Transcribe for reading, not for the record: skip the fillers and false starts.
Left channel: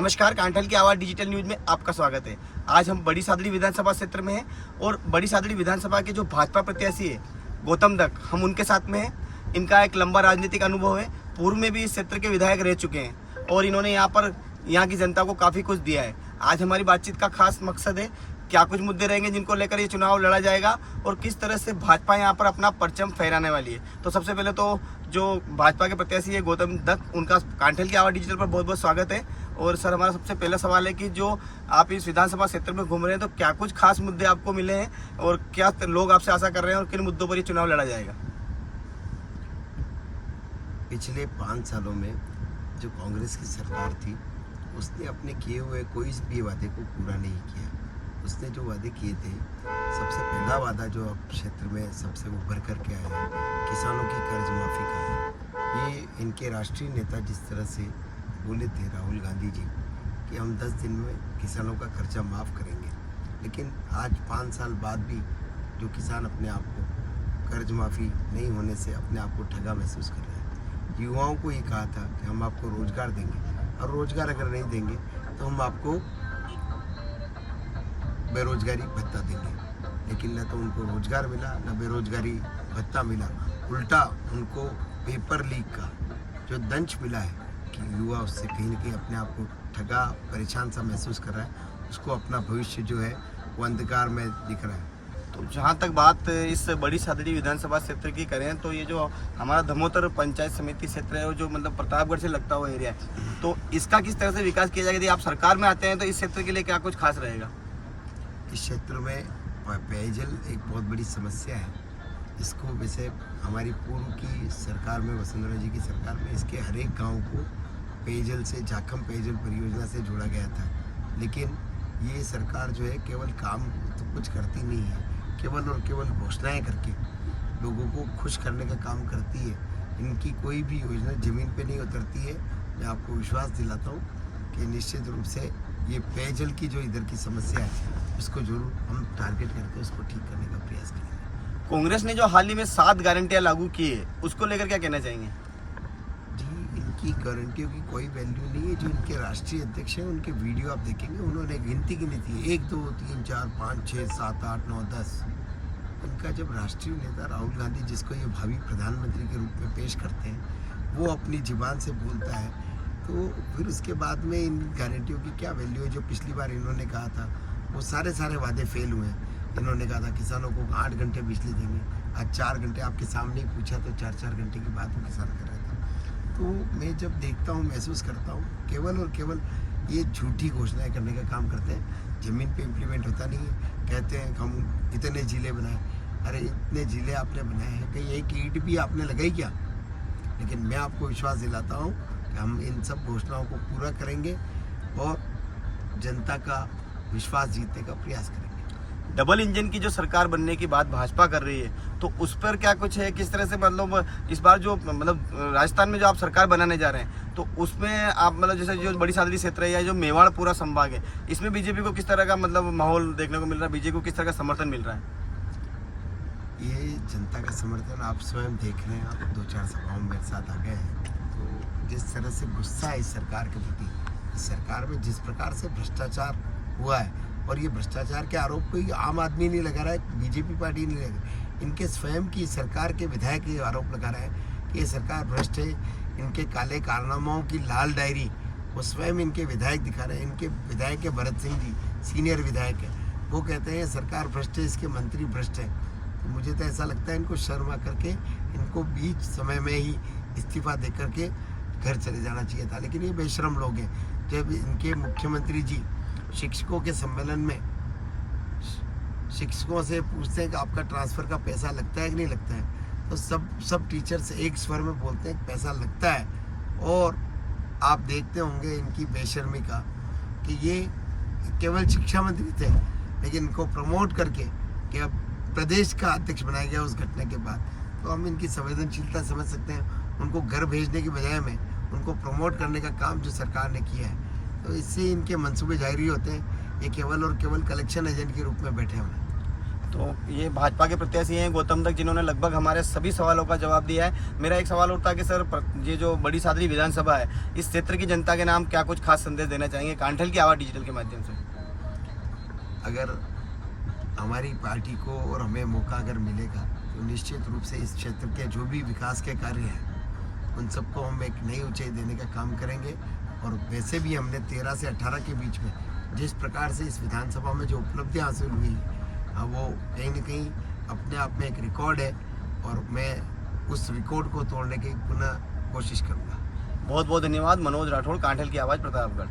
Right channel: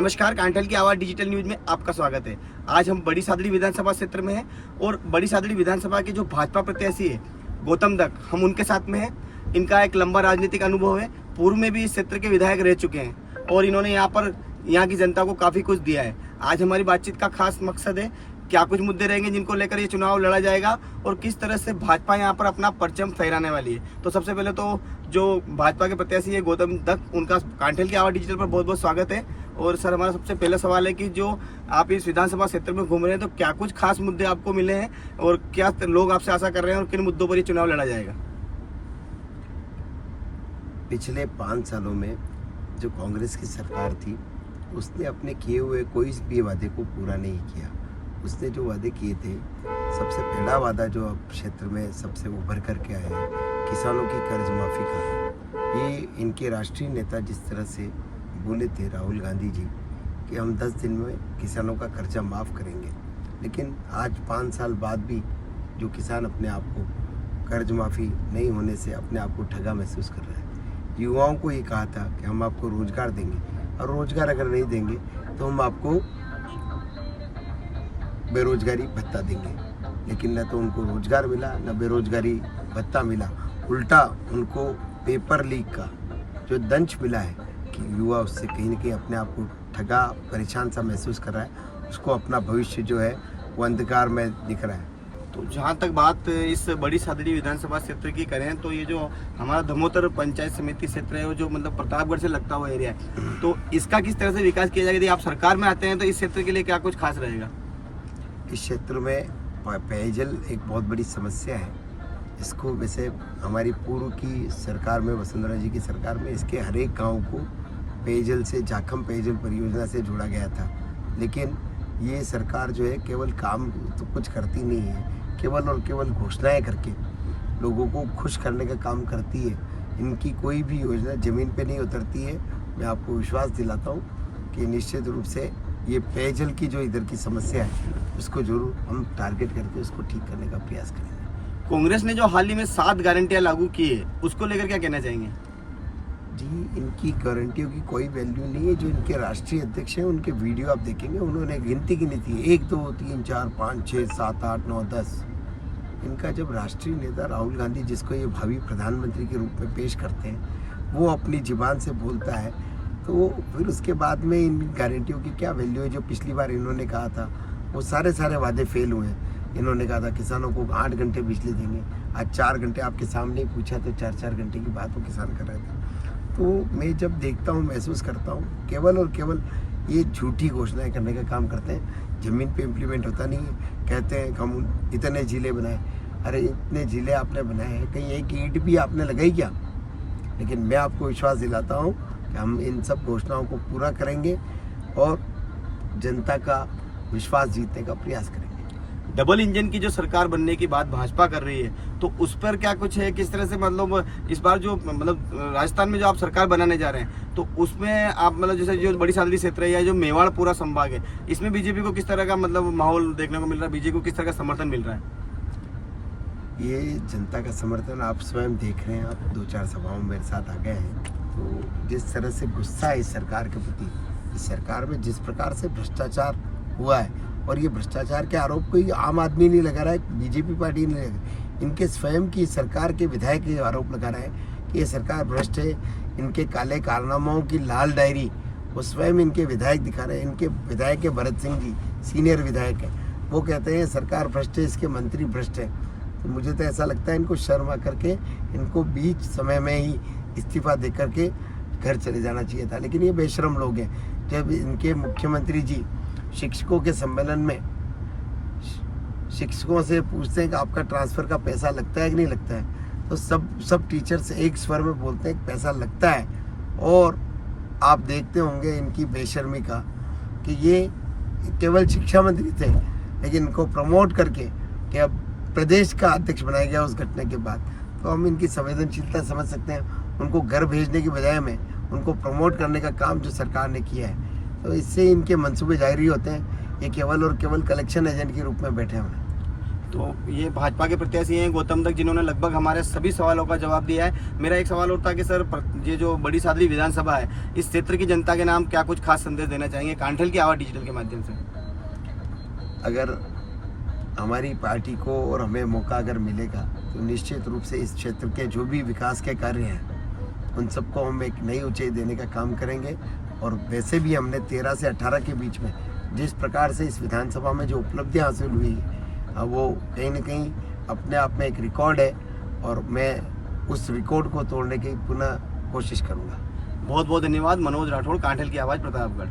नमस्कार, कांठल की आवाज़ डिजिटल न्यूज में आपका स्वागत है। आज हम बड़ी सादड़ी विधानसभा क्षेत्र में हैं और बड़ी सादड़ी विधानसभा के जो भाजपा प्रत्याशी है गौतम दत्त, हम उनके साथ में हैं। इनका एक लंबा राजनीतिक अनुभव है, पूर्व में भी इस क्षेत्र के विधायक रह चुके हैं और इन्होंने यहाँ की जनता को काफ़ी कुछ दिया है। आज हमारी बातचीत का खास मकसद है क्या कुछ मुद्दे रहेंगे जिनको लेकर ये चुनाव लड़ा जाएगा और किस तरह से भाजपा यहाँ पर अपना परचम फहराने वाली है। तो सबसे पहले तो जो भाजपा के प्रत्याशी है गौतम दत्त, उनका कांठल की आवाज़ डिजिटल पर बहुत बहुत स्वागत है। और सर, हमारा सबसे पहला सवाल है कि जो आप इस विधानसभा क्षेत्र में घूम रहे हैं तो क्या कुछ खास मुद्दे आपको मिले हैं और क्या लोग आपसे आशा कर रहे हैं और किन मुद्दों पर ये चुनाव लड़ा जाएगा? पिछले 5 सालों में जो कांग्रेस की सरकार थी उसने अपने किए हुए कोई भी वादे को पूरा नहीं किया। उसने जो वादे किए थे, सबसे पहला वादा जो अब क्षेत्र में सबसे उभर करके आया है किसानों की कर्ज माफ़ी का। ये इनके राष्ट्रीय नेता जिस तरह से बोले थे राहुल गांधी जी कि हम 10 दिन में किसानों का कर्जा माफ़ करेंगे, लेकिन आज 5 साल बाद भी जो किसान अपने आप को कर्ज माफ़ी नहीं होने से अपने आप को ठगा महसूस कर रहा है। युवाओं को ये कहा था कि हम आपको रोज़गार देंगे और रोज़गार अगर नहीं देंगे तो हम आपको बेरोजगारी भत्ता देंगे, लेकिन न तो उनको रोज़गार मिला न बेरोजगारी भत्ता मिला। उल्टा उनको पेपर लीक का जो दंश मिला है कि युवा उससे कहीं न कहीं अपने आप को ठगा परेशान सा महसूस कर रहा है, उसको अपना भविष्य जो है वो अंधकार में दिख रहा है। तो जहाँ तक बात इस बड़ी सादड़ी विधानसभा क्षेत्र की करें तो ये जो हमारा धमोतर पंचायत समिति क्षेत्र है, वो जो मतलब प्रतापगढ़ से लगता हुआ एरिया है, तो इसका किस तरह से विकास किया जाएगा? यदि आप सरकार में आते हैं तो इस क्षेत्र के लिए क्या कुछ खास रहेगा? इस क्षेत्र में पेयजल एक बहुत बड़ी समस्या है। इसको वैसे हमारी पूर्व की सरकार में, वसुंधरा जी की सरकार में, इसके हर एक गाँव को पेयजल से, जाखम पेयजल परियोजना से जोड़ा गया था, लेकिन ये सरकार जो है केवल काम तो कुछ करती नहीं है, केवल और केवल घोषणाएं करके लोगों को खुश करने का काम करती है। इनकी कोई भी योजना ज़मीन पे नहीं उतरती है। मैं आपको विश्वास दिलाता हूँ कि निश्चित रूप से ये पेयजल की जो इधर की समस्या है उसको जरूर हम टारगेट करके उसको ठीक करने का प्रयास करेंगे। कांग्रेस ने जो हाल ही में 7 गारंटियां लागू की है, उसको लेकर क्या कहना चाहेंगे? जी, इनकी गारंटियों की कोई वैल्यू नहीं है। जो इनके राष्ट्रीय अध्यक्ष हैं उनके वीडियो आप देखेंगे, उन्होंने गिनती गिनी थी 1 2 3 4 5 6 7 8 9 10। इनका जब राष्ट्रीय नेता राहुल गांधी, जिसको ये भावी प्रधानमंत्री के रूप में पेश करते हैं, वो अपनी जुबान से बोलता है तो फिर उसके बाद में इन गारंटियों की क्या वैल्यू है? जो पिछली बार इन्होंने कहा था वो सारे वादे फेल हुए हैं। इन्होंने कहा था किसानों को 8 घंटे बिजली देंगे, आज 4 घंटे आपके सामने ही पूछा तो 4 घंटे की बात वो किसान कर रहे थे। तो मैं जब देखता हूँ, महसूस करता हूँ केवल और केवल ये झूठी घोषणाएं करने का काम करते हैं। ज़मीन पे इम्प्लीमेंट होता नहीं है। कहते हैं हम इतने जिले बनाए, अरे इतने जिले आपने बनाए हैं, कहीं एक ईंट भी आपने लगाई क्या? लेकिन मैं आपको विश्वास दिलाता हूँ कि हम इन सब घोषणाओं को पूरा करेंगे और जनता का विश्वास जीतने का प्रयास करेंगे। डबल इंजन की जो सरकार बनने की बात भाजपा कर रही है, तो उस पर क्या कुछ है? किस तरह से मतलब इस बार जो मतलब राजस्थान में जो आप सरकार बनाने जा रहे हैं, तो उसमें आप मतलब जैसे जो बड़ी सादड़ी क्षेत्र है या जो मेवाड़ पूरा संभाग है, इसमें बीजेपी को किस तरह का मतलब माहौल देखने को मिल रहा है? बीजेपी को किस तरह का समर्थन मिल रहा है? ये जनता का समर्थन आप स्वयं देख रहे हैं। आप 2-4 सभाओं में मेरे साथ आ गए हैं, तो जिस तरह से गुस्सा है इस सरकार के प्रति, इस सरकार में जिस प्रकार से भ्रष्टाचार हुआ है, और ये भ्रष्टाचार के आरोप कोई आम आदमी नहीं लगा रहा है, बीजेपी पार्टी नहीं लगा, इनके स्वयं की सरकार के विधायक ये आरोप लगा रहे हैं कि ये सरकार भ्रष्ट है। इनके काले कारनामों की लाल डायरी वो स्वयं इनके विधायक दिखा रहे हैं। इनके विधायक है भरत सिंह जी, सीनियर विधायक है, वो कहते हैं सरकार भ्रष्ट है, इसके मंत्री भ्रष्ट है। तो मुझे तो ऐसा लगता है इनको शर्म आ करके इनको बीच समय में ही इस्तीफा दे करके घर चले जाना चाहिए था, लेकिन ये बेशरम लोग हैं। जब इनके मुख्यमंत्री जी शिक्षकों के सम्मेलन में शिक्षकों से पूछते हैं कि आपका ट्रांसफ़र का पैसा लगता है कि नहीं लगता है, तो सब टीचर्स एक स्वर में बोलते हैं कि पैसा लगता है। और आप देखते होंगे इनकी बेशर्मी का कि ये केवल शिक्षा मंत्री थे, लेकिन इनको प्रमोट करके कि अब प्रदेश का अध्यक्ष बनाया गया उस घटना के बाद, तो हम इनकी संवेदनशीलता समझ सकते हैं। उनको घर भेजने की बजाय में उनको प्रमोट करने का काम जो सरकार ने किया है, तो इससे इनके मंसूबे जारी होते हैं। ये केवल और केवल कलेक्शन एजेंट के रूप में बैठे हुए हैं। तो ये भाजपा के प्रत्याशी हैं गौतम दत्त, जिन्होंने लगभग हमारे सभी सवालों का जवाब दिया है। मेरा एक सवाल और था कि सर, ये जो बड़ी सादरी विधानसभा है, इस क्षेत्र की जनता के नाम क्या कुछ खास संदेश देना चाहेंगे कांठल की आवाज़ डिजिटल के माध्यम से? अगर हमारी पार्टी को और हमें मौका अगर मिलेगा तो निश्चित रूप से इस क्षेत्र के जो भी विकास के कार्य हैं उन सबको हम एक नई ऊंचाई देने का काम करेंगे। और वैसे भी हमने 13 से 18 के बीच में जिस प्रकार से इस विधानसभा में जो उपलब्धियां हासिल हुई वो कहीं ना कहीं अपने आप में एक रिकॉर्ड है, और मैं उस रिकॉर्ड को तोड़ने की पुनः कोशिश करूँगा। बहुत बहुत धन्यवाद। मनोज राठौड़, कांठल की आवाज़, प्रतापगढ़।